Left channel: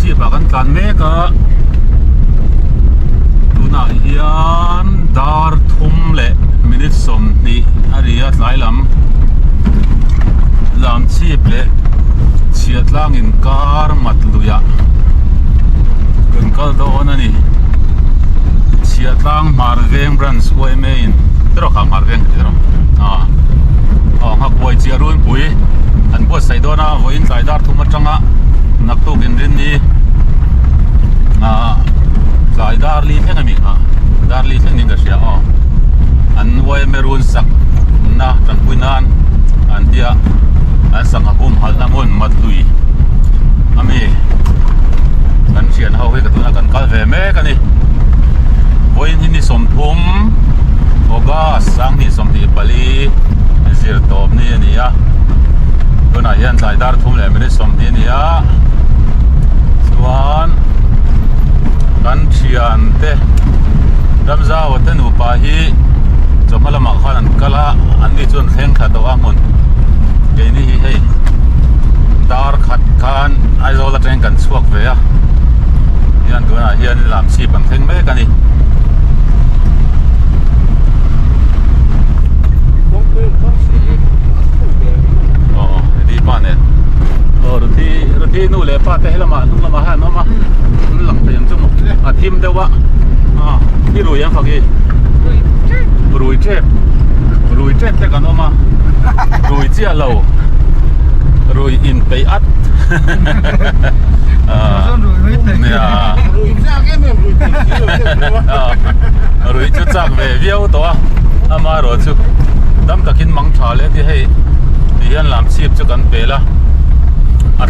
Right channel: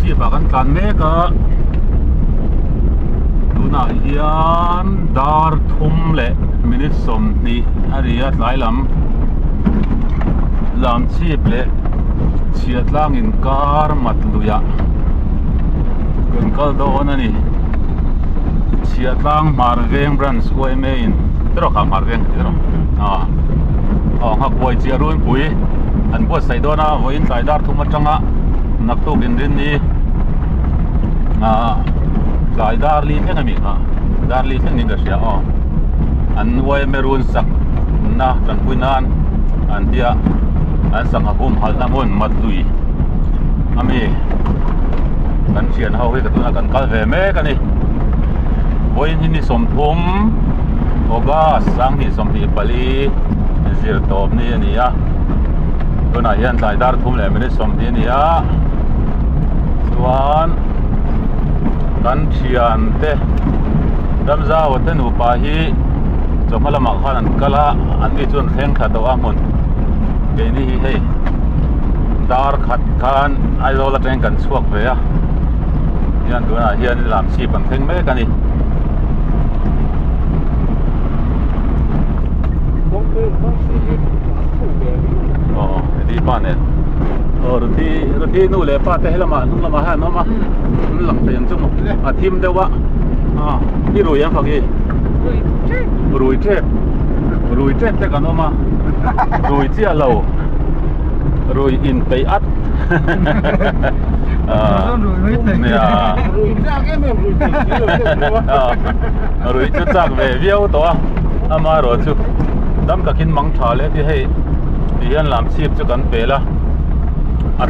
ชีพกันการเมกะดูน่าเฮียนดาร์ทุ่มเละมินิสมนี่อาริยะหลายลำชีพเละเชียดล่างอินการมัดลุยะเกินก็โดนนี่เชียดล่างมาร์เวงบรันส์ไว้ไม่อินเดี๋ยวข้ามาร์เวงเดี๋ยวหักไว้เจียรุ่นปุ๋ยอันพวกใส่โดนะไว้อินใส่ดาร์ทุ่มมาจังอะนักตู้กินรินนี่ใส่ดาร์ลีเท่านี้ดาร์ลีเท่านี้ก็เสียอันไว้ไม่รุนสักนะจังคุยนานอันเดียอันสังหบุมหัลน้ำมันมัดลุยอามีกันเชียนเฮาให้กับตัวนักกันกัลเวเมกันนี่ไว้ที่นี่สมทุมโอกาสังนี่สมที่ปลีเสียตบนี่นี่ตัวนั้นยันสายดาร์ทุ่มเลยไม่ได้สมที่นี่ส่วนกันเชียนเตะดำซาวัดนุปาฮีจงมาละหมาดข้านันกะละอันนี้จนแข่งขัดตัวมุนเกนี่ให้ดาร์ขัดกันไอโซลาเทนกันสวกเวียยันตัวนั้นยันลำชีบังเทงเมกันนี่ดีป้าเนี่ยรถที่นู่นเลยป้าแต่ให้ละมานู่นละมาให้น้องมาหลังแต่ยังจุ่มทีมเดียววะที่รวยยังฝักยี่รวยเจ็บแต่กันน้องมารวยเจ้าเรารวยอินไปอัดเนี่ยรวยจุดจากเวียวตัวอามารอจุดำตะกินมังชาเลยที่ให้ที่ยันลำชีพจุกันเปล่า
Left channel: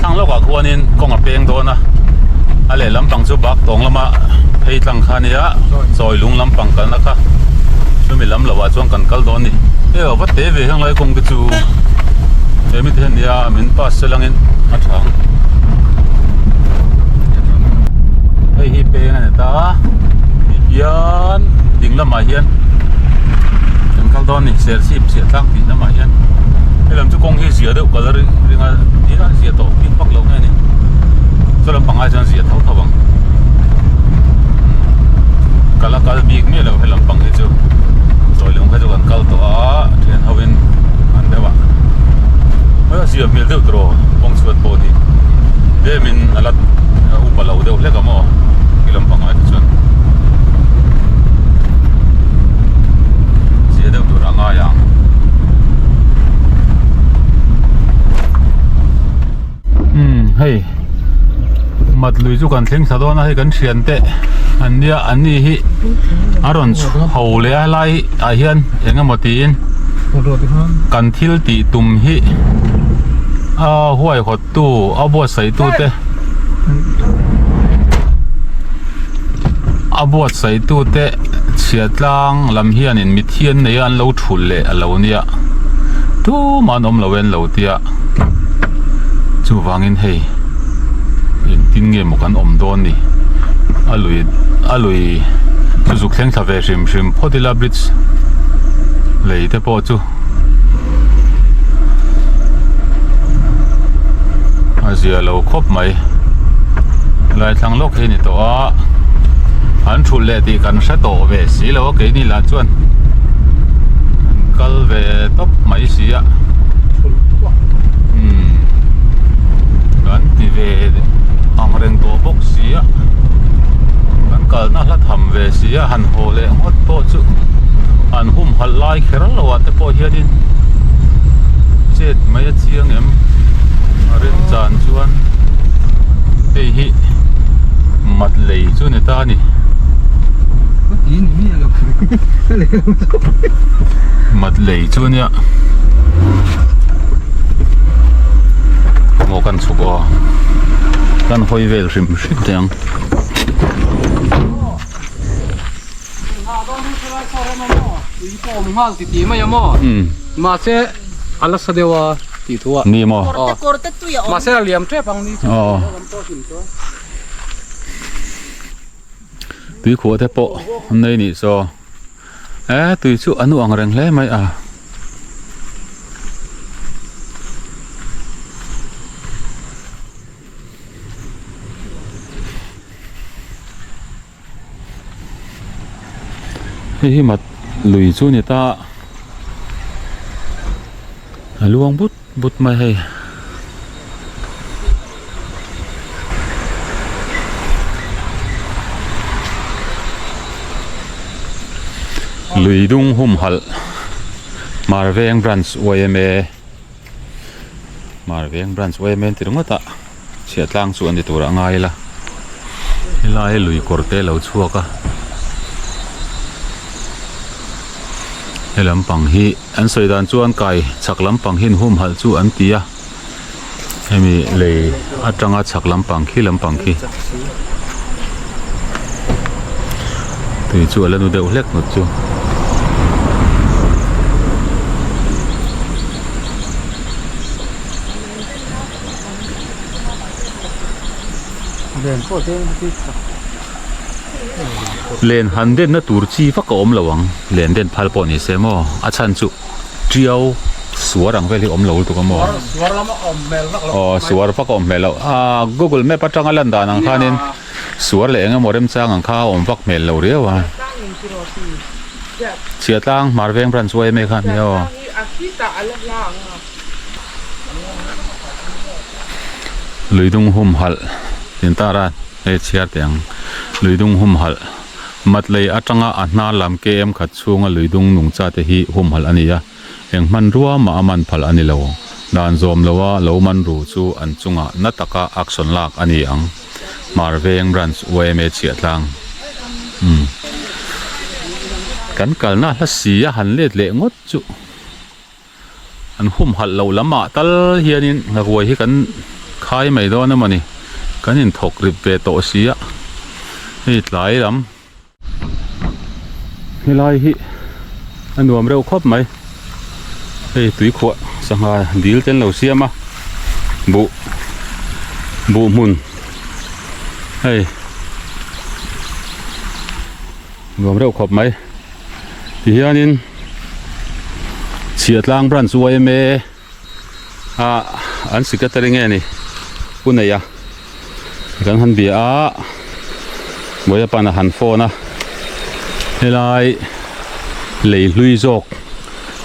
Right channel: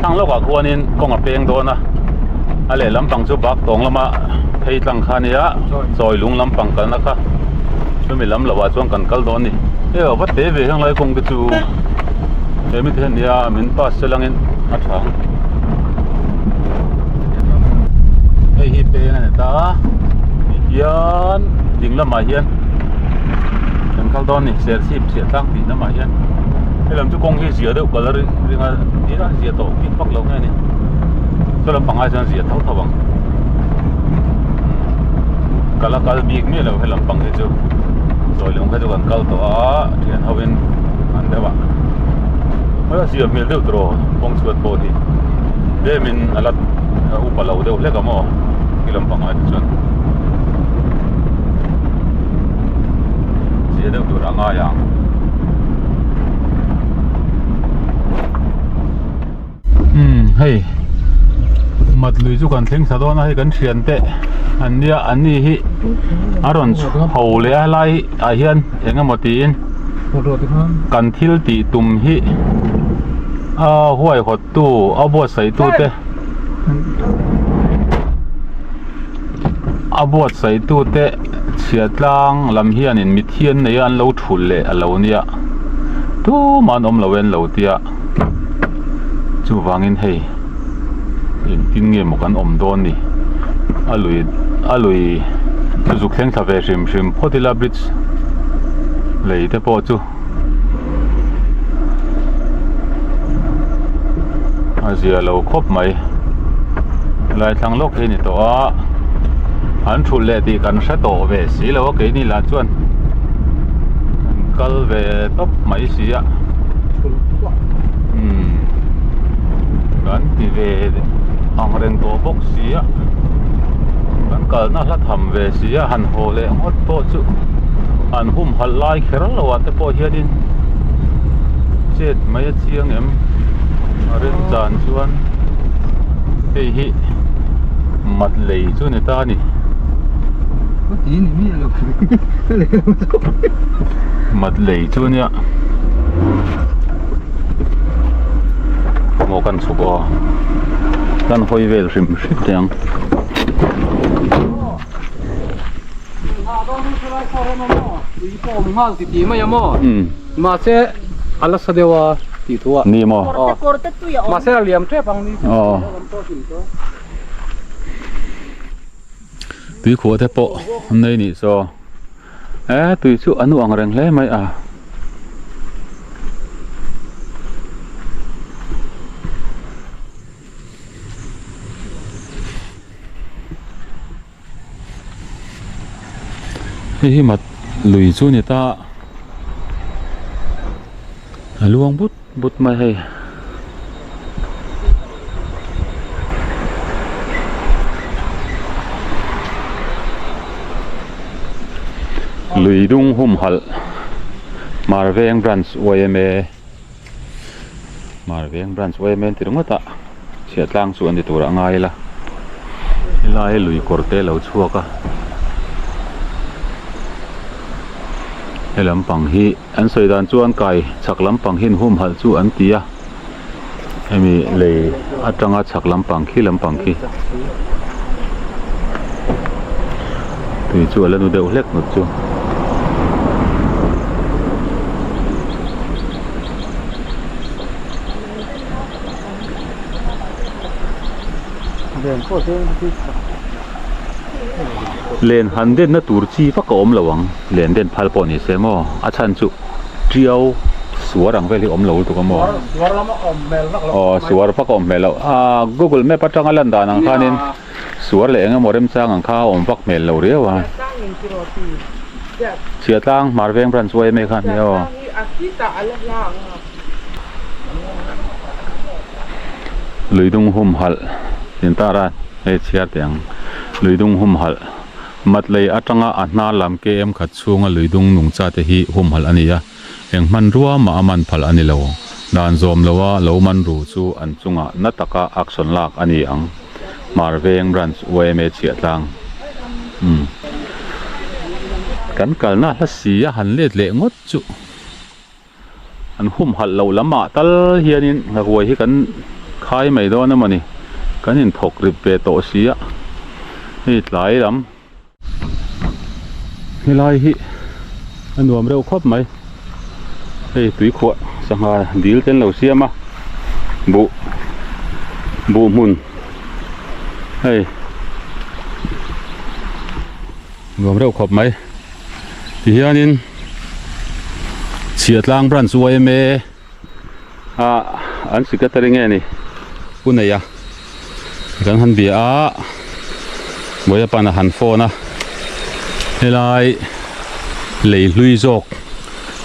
ทั้งโลกอะควรนินกงเปียงโดนนะอะไรลำปังจุบักตรงละมาให้ตั้งคานี้ซอยลุงลำปังกันนะคะช่วยมีลำละว่าช่วงกันกัลโดนนี่วัดเตวิทั้งหลายคงจะจูมิเทนยามินปัสเซลังอินมาทางฮิเปงเนี่ยตายันดิ่งละมาเฮียนกันกัลโดนนี่เสียชีพเสียตั้งตีละมาเฮียนให้ลำจุกงที่เสียเด้อก็เลยเรื่องนี้นะเสียโตกินปักลงไงนี่ส่วนลำปังอาจจะเสียเท่าบังกันละกันบีกนี่เราให้ลำปังที่จูซอยลงให้จูกันกัลตัวเทียนเขาเป็นอันเดียวว่าเมื่อเสียมีเดือดร้อนปงสวดโพธิเดี๋ยวมินอะไรอุปราเดี๋ยวเล็กก็มั่วที่ลำปังอาจจะชนเสียเดือดร้อนง่ายอย่างเฮ้ยมัดลุยจุกันเพ่งสะดวกนะให้กันเชียนเตะอันนี้ฮิอารอนเขาเลยอะไรอาเฮียนยังไงหมดตีนกันทิลตีตุ่มฮิห้วยขดตู้เอาบวชใส่ตู้เตะเอาบวชใส่ตู้เตะเฉียดล่างลำเฮียนมิเทียนในอันเราถุนเลยเราเนี่ยตู้มันอมเราเว้นเราเตียจูวางอินเฮอินทิ้งเงี้ยหมกันอมโดนนี่อลุยจุกเส้นทาเวชิมพอดีลาบริดส์เลยแต่พอจูอาเซียเราครบไหมลายทางโลกเห็นตัวหันชุดเล่ตีกันเสตเวสีแล้วก็นี่ละจวนกัลเวตบไม่เสียกันที่เวอังเริงตัวพกเสียกันกัลน่าละทำเวเสียหันโหเลงฮอดโปจุอันหุ่มหันไล่เครัลวัดแต่พอเฮียดินเจ็ดไม่เชียงเอ็มเรื่องจานชวนเฮียมัดเลยจุนตานี่มัดเลยจุนเนี่ยโมกันสุกกันหอยเวลริมชิดยังมาเสอัลลัสเดวาติดตัวนี่มั้งมาเสเลียมเทปังนี่ตุยขวดเทปอันนี้นี่โซตุยชุอนุอังเริงเลยไหม hi mat lui chu ni ta luang but mai hei lui dung hum hal Marveng branch OMA Marveng branch OMA ti runga ta sia tlang chu an ti tur angai la hilai lui korte lo chuaka helam pang hi an soidan chuan kai chaklam pang hin hum hal chu an tia hemi le atanga chaklam pang khi lam pang khi tui chu ala nu deuh hlek nut chu len han den na tur chi fa ka om lawang len den phal pon ni semo a chan chu triao suarang veli om lo tu ka mo suar fa ka om mel Google Map atanga landa nang khanin suar le nga morem chang ang kha om vak mel lo rewa chia tang Marveng branch way me khan yo luidung hum hal tin tara e chia tiang luidung hum hal matlei atanga ahna lam ke em khat chunga luidung nung cha te hi hum hal ania eng man ruwa ma aman phal ani lo dan zom lowa lo man ru chu an chunga nataka action lak ani ang Marveng branch OMA chia tlang kan kalna la sia han let le ngot chu an hum hal lo lama tal hianin ngawai hi kan khai mai do na mani kanin thok rip ve to sia hi tlai lam hilai hi anuam reu khop mai hei tui khwa sanga dil ten lo siama bu mun hei nuam reu khop mai ti hianin chiatlang branch OMA an secretary nge ni punaya kan han bia boya pana han phone helai lei hlui jok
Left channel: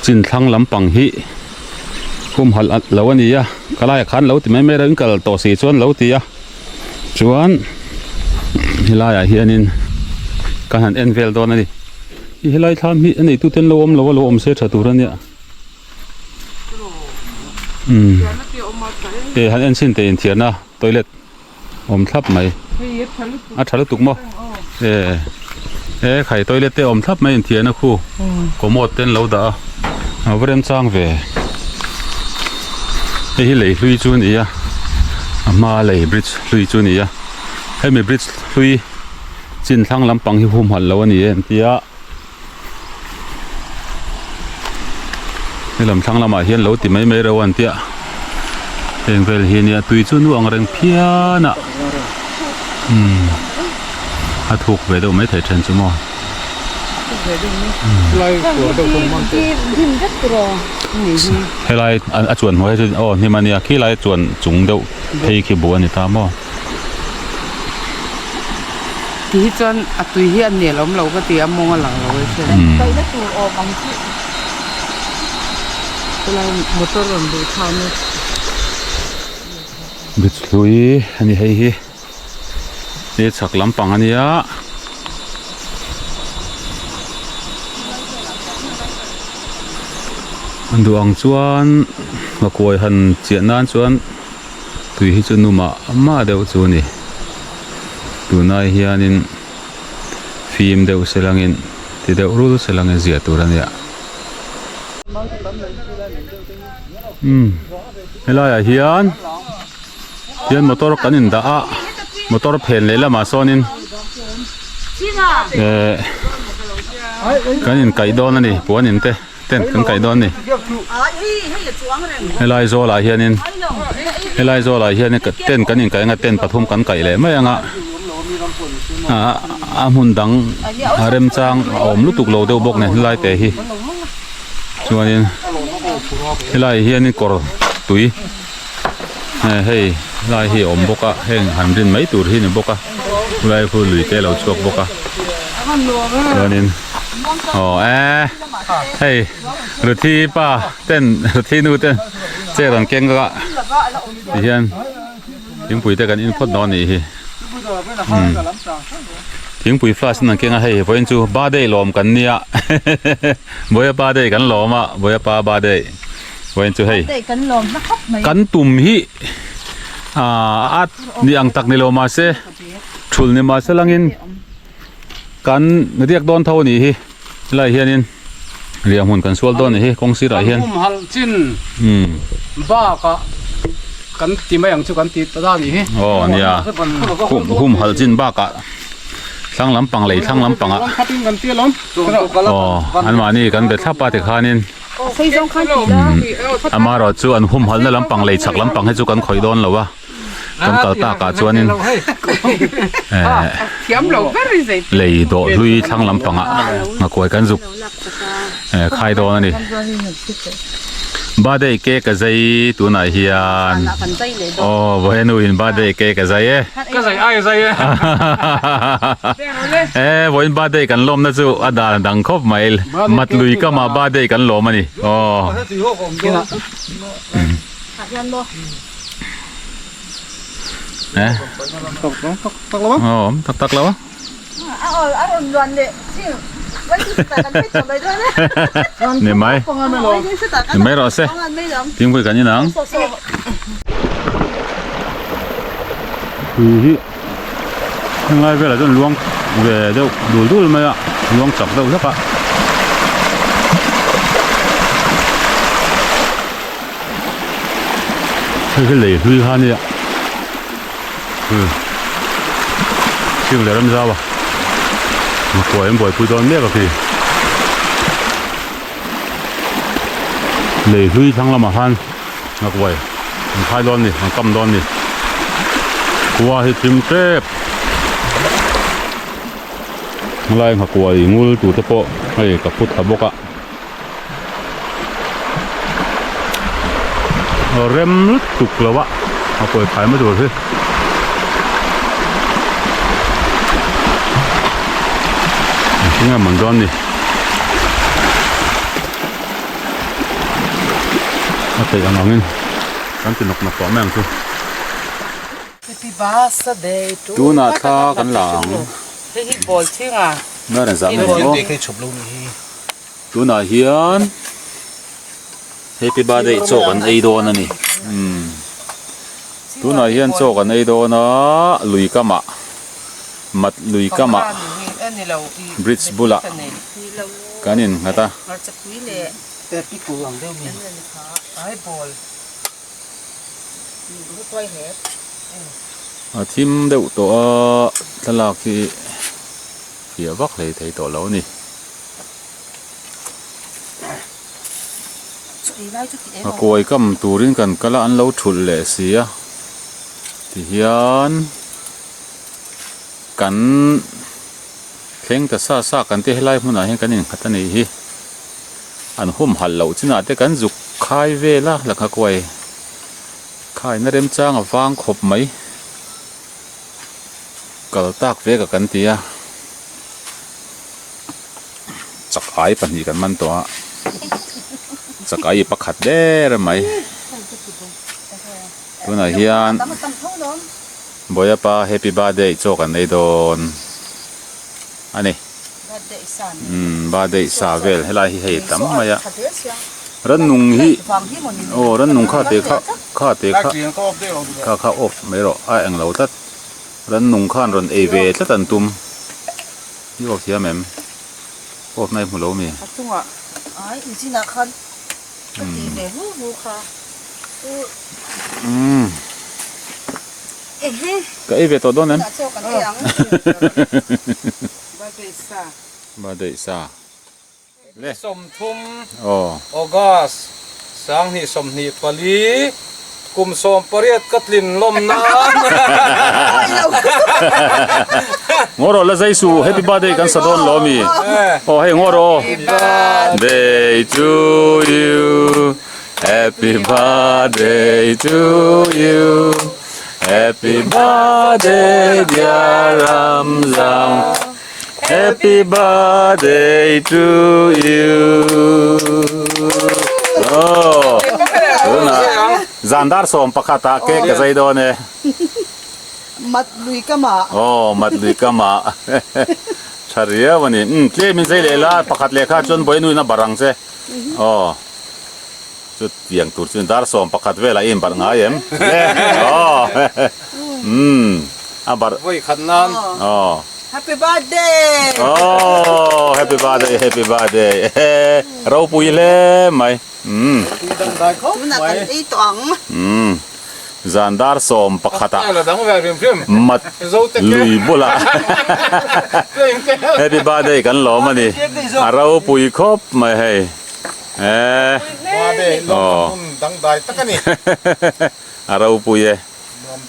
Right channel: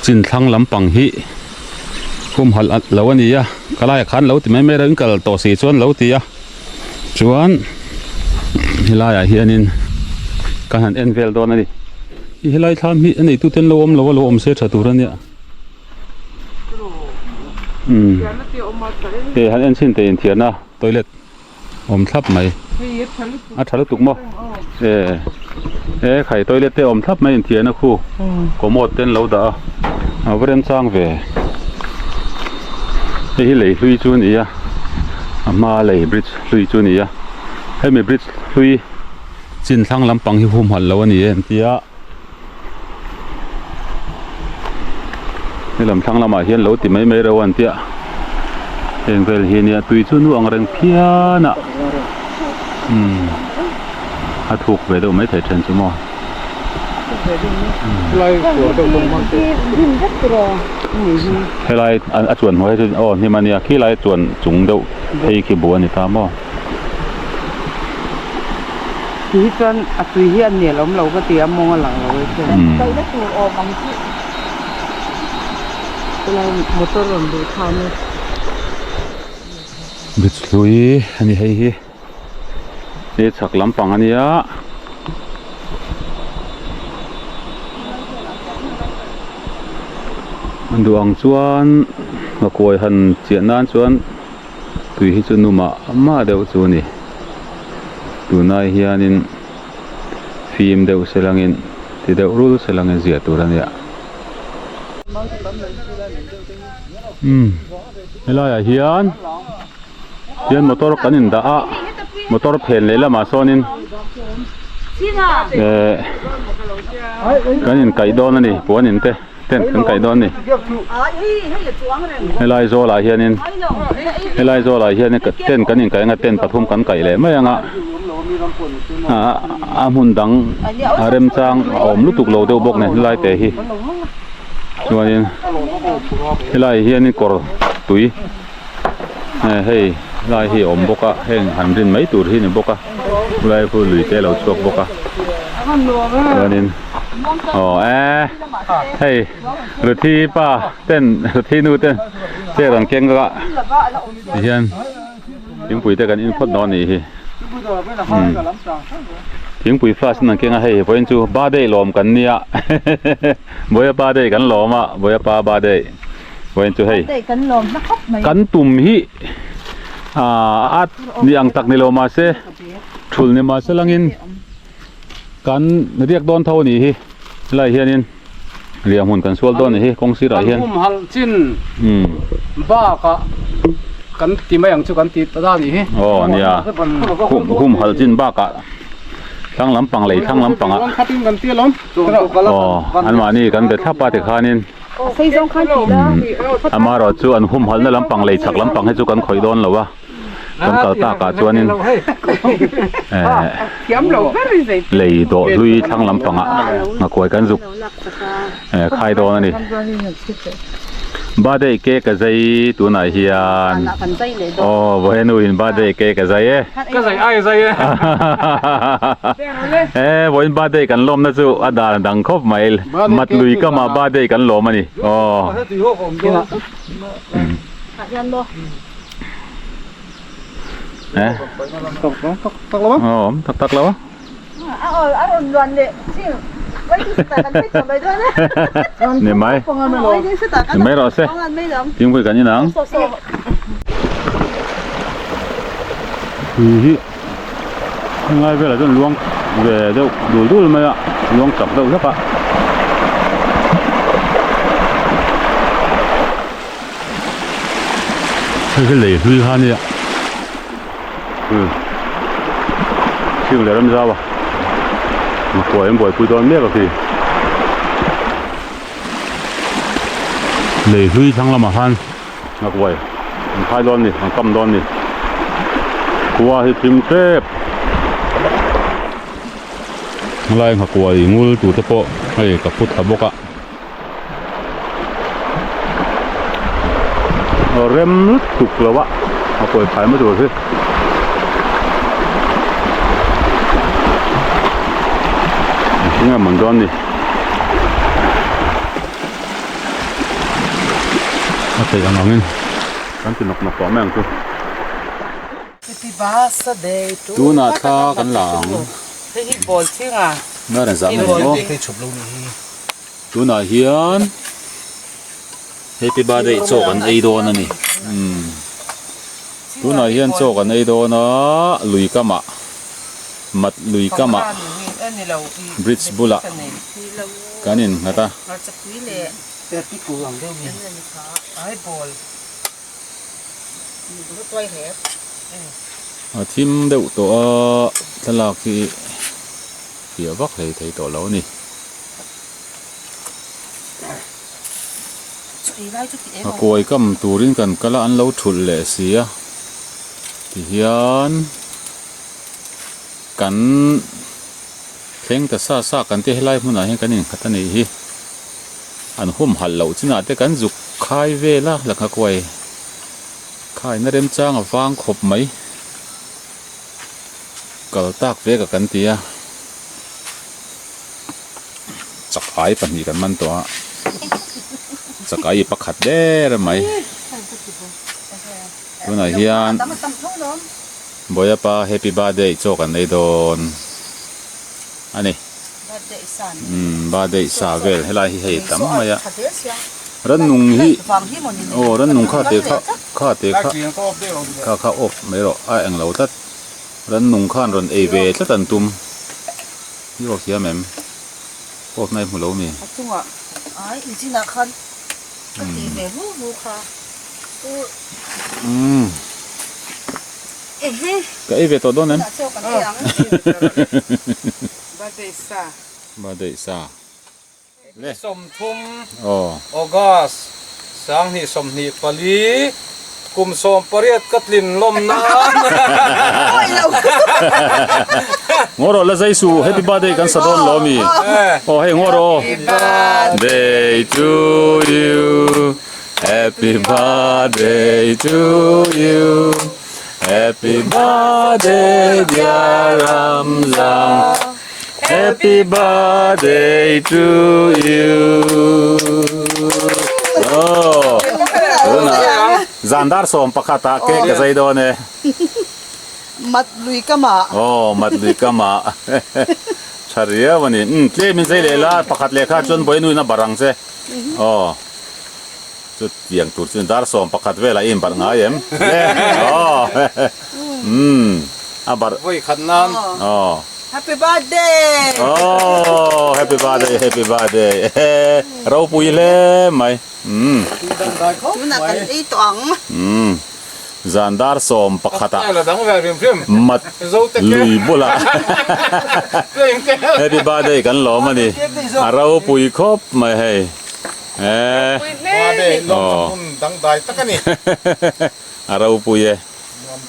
chin thlang lampang hi kum hal at lawani ya kalai khan lo ti mai me ran kal to si chuan lo ti ya chuan helai a hianin kan han envel don ani helai tham hi ani tu ten lo om se tha tur ania han en sin te in thiana toilet om thap mai a thalu tuk mo khai toilet te om thap mai in thiana khu komot ten lo da avrem chang ve hi lei hlui chu ni ya ama lei bridge hlui chu ni ya hemi bridge hlui chin thlang lampang hi hum hal lo ani en tia lam thlang lama hian lo ti mai ro an tia eng vel hi nia tui chu nu ang reng phiana a thuk ve do mai thai chen chu mo helai an a chuan hoi chu ni mania khi lai chuan chung deuh hei khi bu ani ta mo ti chuan a tui hi an ne lom lo ka ti among a lang lo chu kai la tu o bang chi lai motor ron du thang bit hlui ani hei hi e chak lampang ania anduang chuan makoi han chianan chuan tui hi chu numa ama deuh chu ni tunai hianin film deuh selangin ti deuh rul selangin zia turania helai hian motor kanin da a motor phen le lama sonin kanin kai don ani puanin te ten kan kai don ni helai zo la hianin ka ten kanin kai nga ten pathum kan kai le mai anga a mun dang arem chang om lutuk lo deuh bok ne helai te hi chuanin helai hianin kor tui hei lai hi om boka heng hanrin mai tur hi ni boka lai fu lui te lo chuak boka chuanin 哦哎，嘿，楼梯吧，等楼梯นู่等，这人见个，以前平背得กันอินพอดนอนนี่พิงปุยฟ้าสนังเก่งให้พอเห็นจูบาได้ลมกันเนี่ยบ่อยบาได้กันลมอ่ะบ่อยปาบาได้พอเห็นจูให้กันตุ่มฮิอัดนี่อังตักนี่ลมมาเสชุลนี่มาเสลังอินกันเรียกโดนเท่านี้ฮิไล่เฮียนินเรียกหุ่นกันสวลโดนนี่ฮิคงสิไรเฮียนหุ่มหัลจินบ้ากะกันตีไม่ยังจุกันตีตาด้านนี้ อ๋อเนี่ยหุ่มหัลจินบ้ากะทั้งลำปังเลยทั้งลำปังอ่ะอ๋ออันมานี่กันเด็ดทับปาติคานินอันมารอจูอันหุ่มหัลในลำปังเลยสักลำปังให้จูกันคอยโดนหรอวะกันเก่าตากาจวนนินเลยโดดลุยทั้งลำปังอ่ะมาคอยกันจุกใครโดนนี่บ้าได้เก๊กะใจตัวไหนเฮียนอ๋อบ่เห็นวินบ้าได้เก๊กะใจก็ใส่ไอ้ใส่บ่เห็นบ้าได้กันลมนะจูอดาดังครบไหมมัดลุยก็มาบ้าได้กันลมมานี่อ๋อตักแล้วมั้งอ๋อตักแล้วเนี่ยไหมไม่รอเซ่ทิ้งไปกันยังนังง่ายไปเลยจนล้วงเดี๋ยวดูไหมอ่ะล้วงจับได้ใช่ปะคือเหล่ลุยฮานี่อ่ะชื่ออะไรไม่ทราบอ่ะป่วยป่วยคุยตอนเนี้ยก็คือเลยลุยทั้งละมาฮันนักไว้มันคายดอนนี่มันกำดอนนี่กลัวให้ทิมเจ็บอะไรหักกลัวงูตัวตะโปให้กับพุทธบกะเริ่มตุกแล้ววะเอาไปขายมาดูสินี่มันร้อนนี่เอาไปยังไงกันจะนกมาปอแมงตัวดูหน้าท่ากันหลังน่าจะจำได้ไหมดูหน้าเฮียนเฮปปี้บาร์เดย์โจกันไอโดนนี่ดูหน้าเฮียนโจกันไอโดนะลุยกะมะมัดลุยกะมะบริดจ์บุลากันนี่นะตาทีมเดือดตัวตลาดที่เกี่ยววักเลยที่ตัวเรานี่กวยกำตูรินกันก็ละอันเราฉุดเลยเสียที่เฮียนกันเข่งแต่ซากันที่ให้ไล่มันอะไรกันนี่ขัดนี่ฮีอันหุ่มหันเหล่าจีน่าแต่กันจุกคายเวล่ะหลักกวยคายน่าเริ่มจ้างฟางขบไหมก็ตากเวกับกันเตียจักไอ้ปัญญกันมันตัวจักไอ้ปักขัดเด้อไหมตัวไหนเฮียนบอยป้าแฮปปี้บาร์เดย์โจกันในโดนอันนี้บาร์เดย์ซาเวลให้ไล่ให้ตั้มมาอ่ะรันนุ่งฮีโอ้รันนุ่งข้าเตะข้าอบไม่หรอกไอ้เอ็งเราตัดรันนุ่งข้านรันเอเวตัดตันตุ่มยี่ห้อเสียแม่มอบในหัวเรามีก็เอเวตัวโดนนั้นบาเดซ่าเล่สมทุมอออกัสสังหิสมหิปลีกุมสมปริยกัตลินลมน้ำงอรอละใจสู้ Happy Birthday กันสะดอนล้อมีโอ้ให้งอรอ Birthday to you Happy Birthday to you Happy Birthday dear Ramzan Happy birthday to you โอ้นะจันดาร์สมประคตาเค้กจะใส่โดนเนี่ย มัดลุยกะมา โอ้มัดดีก็มาชาเรียวันนี้เจ้ามินใส่เลยละประคัดเลขาจนบ่อยนุ่ยนะบารังเซ่โอ้จุดเตียงตุดสินดาร์สมประคัดเวลาอินบาร์ง่ายเอ็มโอ้บาร์ ไว้ขันนั้น โอ้ Happy birthday โอ้ Happy birthday Happy birthday เราปุยเล่ไหมดังได้เขา มันน่ะกันอีตอง จันดาร์สมประคัต ไอ้ละดังแหวนเรียม มัดลุยบุละ Happy birthday กันหรอมาดิเราปุยครบไม่ให้มาเด้ลงทุนดังได้ตะกันนี่ เราปุย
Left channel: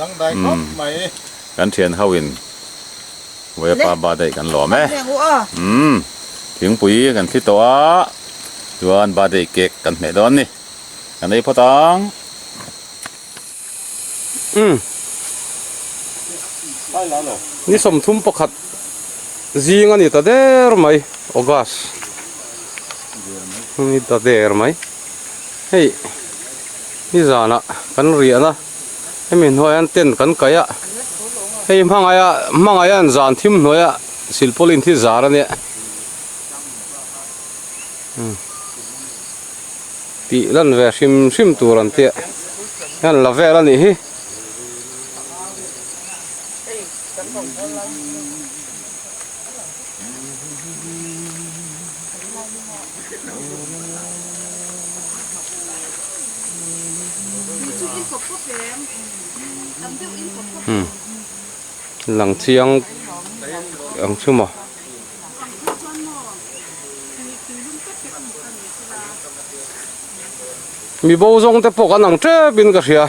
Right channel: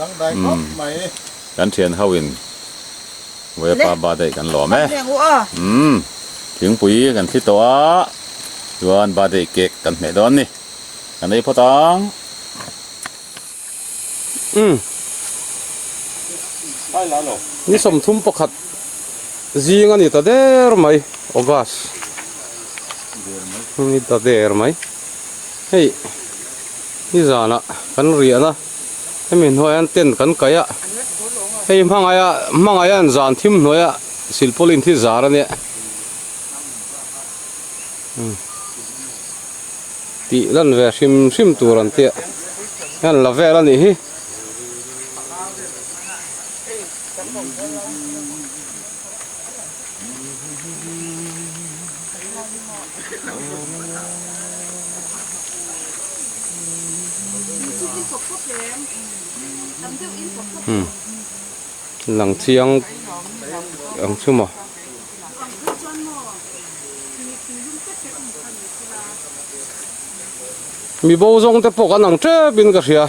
ดังได้เขาไหม กันเทียนเข้าวินไว้ปาบาได้กันหรอไหม แม่งว่า ถึงปุยกันที่ตัวชวนบาได้เก๊กกันแม่ดอนนี่กันนี้พ่อตังนี่สมทุมประคัดจีงันนี่ตาเดอร์ไหมโอกัสนี่ตาเดอร์ไหมเฮ้ยนี่จานะกันเรียนนะให้มีหน่วยอันเต้นกันไกอะเฮ้ยมังไงอันจานทิมหน่วยอะศิลปลินที่จาระเนี่ยตีลันเวชิมตัวรันเตะนั่นละเวลันนี่ หลังเชียงอังชื่อหมอมีโบจงแต่ปกันหนังเจ็บบินกระเสีย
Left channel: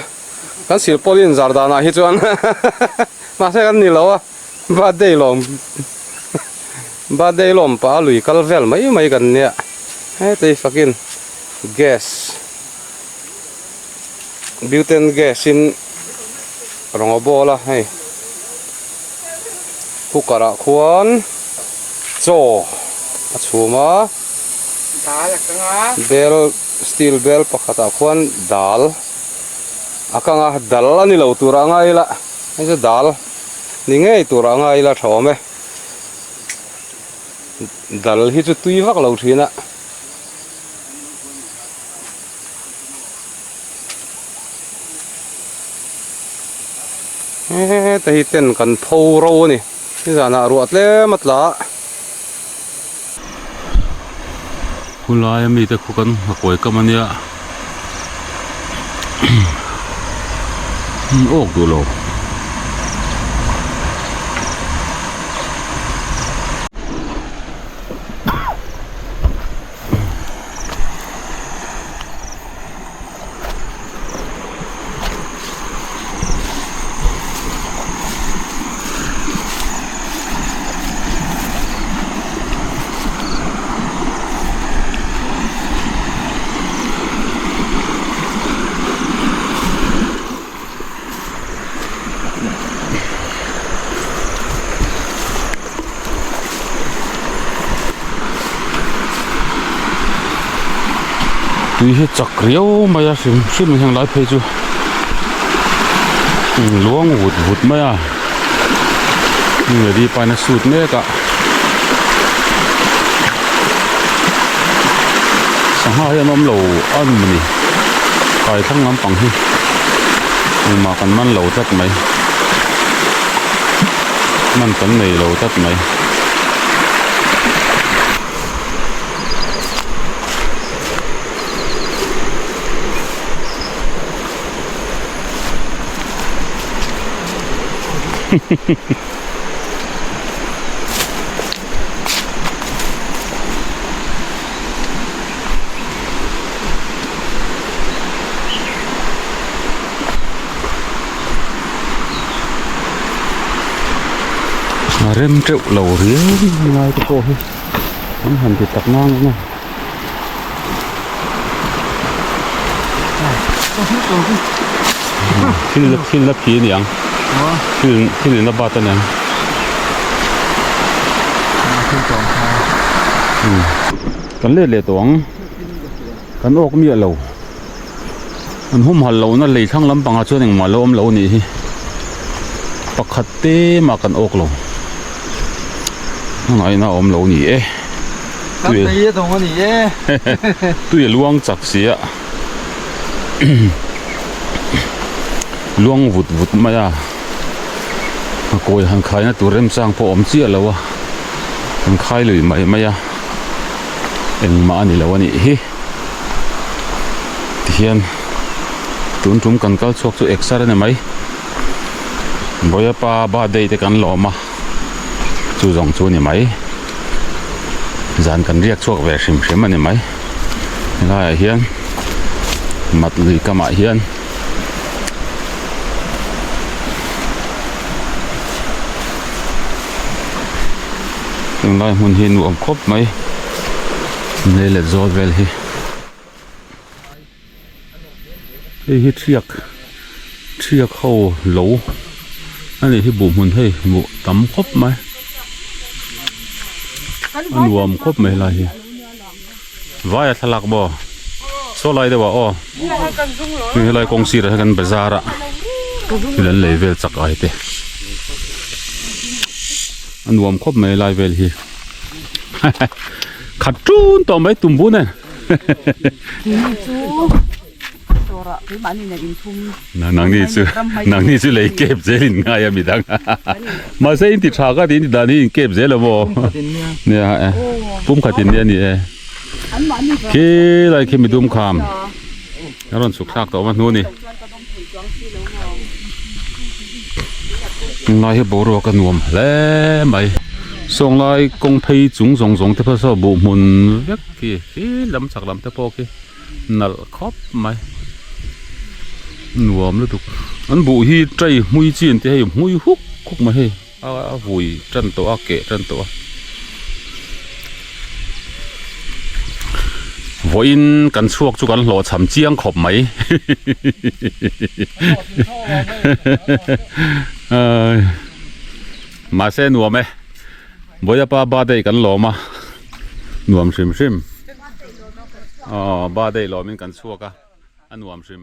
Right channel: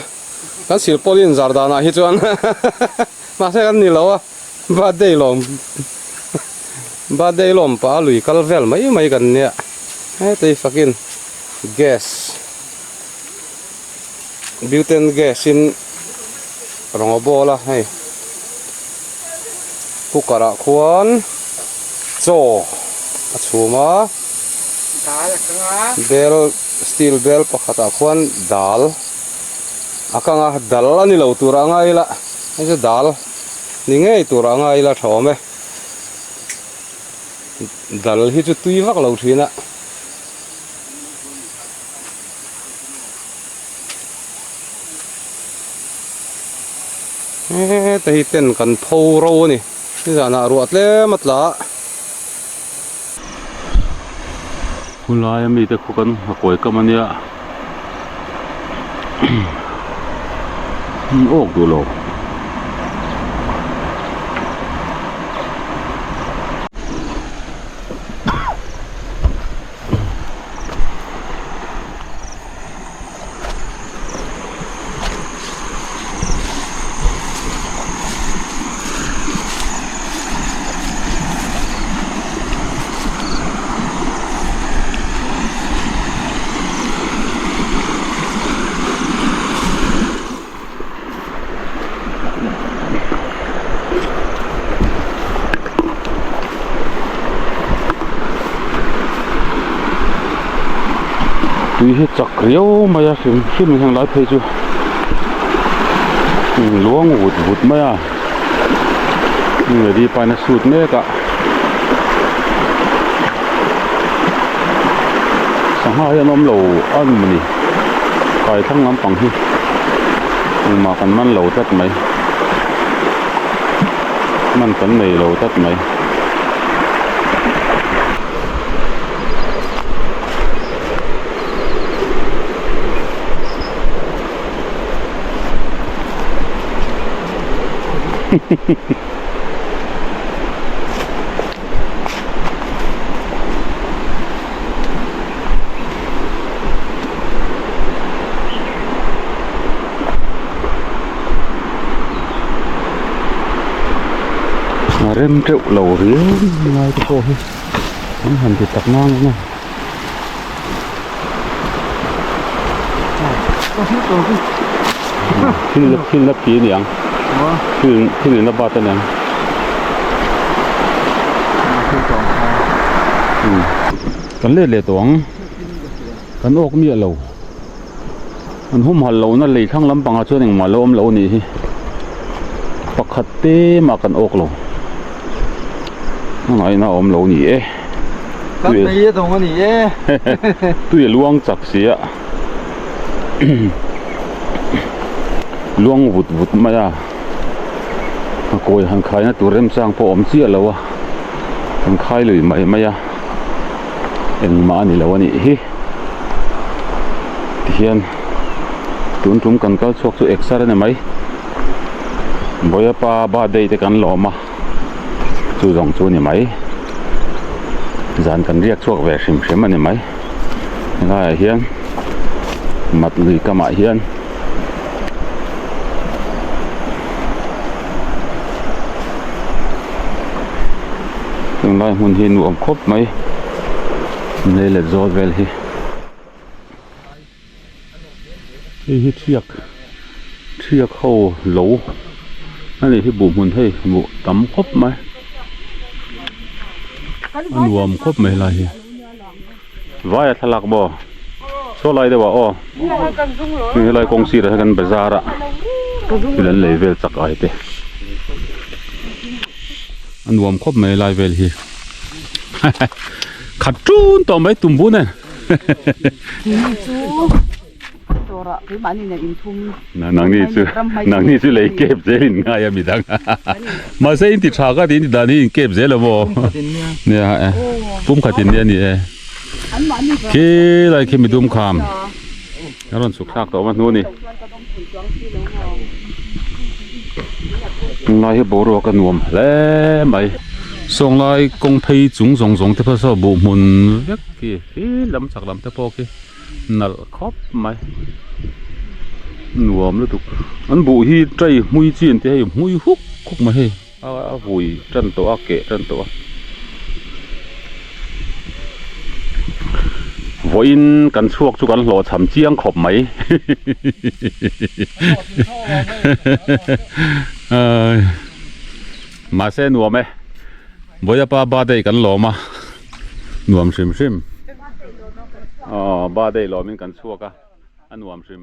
กันศิลปลินจาร์ดานาฮิจวนมาใช่กันนี่แล้วอ่ะบาดได้ลมป้าลุยคัลเวลไม่กันเนี่ยเฮ้ยแต่ฟักกินแก๊สบิวเทนแก๊สอินรองอบอละให้ผู้กระควนโจชูมาเบลสตีลเบลปักตะควนดัลอากังอ่ะดัลนี่เราตัวร่างไงละไม่ใช่ดัลนี่ไงตัวร่างไงละชอบไหมดัลที่จะตุยฟักเราทีน่ะแต่ที่เต้นกันพาวโรนี่นี่จะน่ารวดเลยมัดละคุณลายมีแต่คุกันหอยก็มันเนี่ยโอ้ดูโลกนี่จักเรียวมาอย่าชิมยังไงเพจูล้วงหุดมานี่ดีไปนะสุดเนี่ยกะสังหารน้ำเหลวอันมันนี่ไปทั้งน้ำปังที่มากันมันเหลวทัดไหมมันกันไม่เหลวทัดไหมเริ่มเจ้าเหล่าเรือไงก็โตให้มันหันติดตักน้ำนะขึ้นลับผีเนี่ยขึ้นนับบาตเนี่ย กันเล่เลยตวงกันออกมีอะไรมันหุ่มหันเรานั่นเลยทั้งลำปังอาช่วยหนึ่งมาล้มเรานี่ปักขัดเต้มากันออกเราไงน่าอมเรานี่กันตีตรงนี้ตู้อย่าล้วงจักเสียล้วงวุดมาจ้ะโกยหันคายนะตัวเริ่มสร้างพออมเสียแล้ววะหันคายเลยไม่จ้ะเอ็งมานี่แล้ววะนี่เทียนตุนจุ่มกันก็ชกตัวเอ็กซ์ได้ไหมบ่อยป้าบ้าได้แต่กันหล่อมาจู่จงจู่นี่ไหมจานกันเรียกชกแหวกชิมมันนี่ไหมได้เฮียนมัดลุยกมาเฮียนยังได้หุ่นเฮียนรวมครบไหมนี่แหละจอดเวลฮีเทียกเข้าโหลอันนี้ที่บุ่มหุ่นให้บุตำครบไหมอันรวมครบไหมล่ะฮีว่าทะลักบ่โซไลเดี๋ยวอ๋อมีอะไรกองซีระกันเบซาระที่เล่นเลเวลสักไอเตอันรวมครบไหมไลเวลฮีขัดจูนต่อไปตุ่มบุญเนี่ยนางนี่ซื้อเลยเก็บเจลินง่ายมีดังมาเส้นติดฉากก็ติดดานี่เก็บเจแล้วบ่เนี่ยปุ่มขัดตินเนี่ยนี่คืออะไรคือมีดุมคำแล้วเราสุกซากต่อมาโน่นนี่นายให้บรัวกันนวมแล้วไหมส่งลายกงเพยจุงที่พระสบุมุนเล็กกี่ลำสักลำตะโพกี่นัลครบไหมนวมแล้วถูกอันบุฮีใจมุยจีนที่ให้มุยฮุกคุกมาให้หุยจันตัวเกะจันตัววันกันช่วงจุกันหล่อฉ่ำเจียงขบไหมมาเส้นนวมไหมบ่อยป้าบ้าได้กันหล่อมานวมชิมอ๋อบ้าได้หล่อเหมือนกันช่วงกันนวมชิม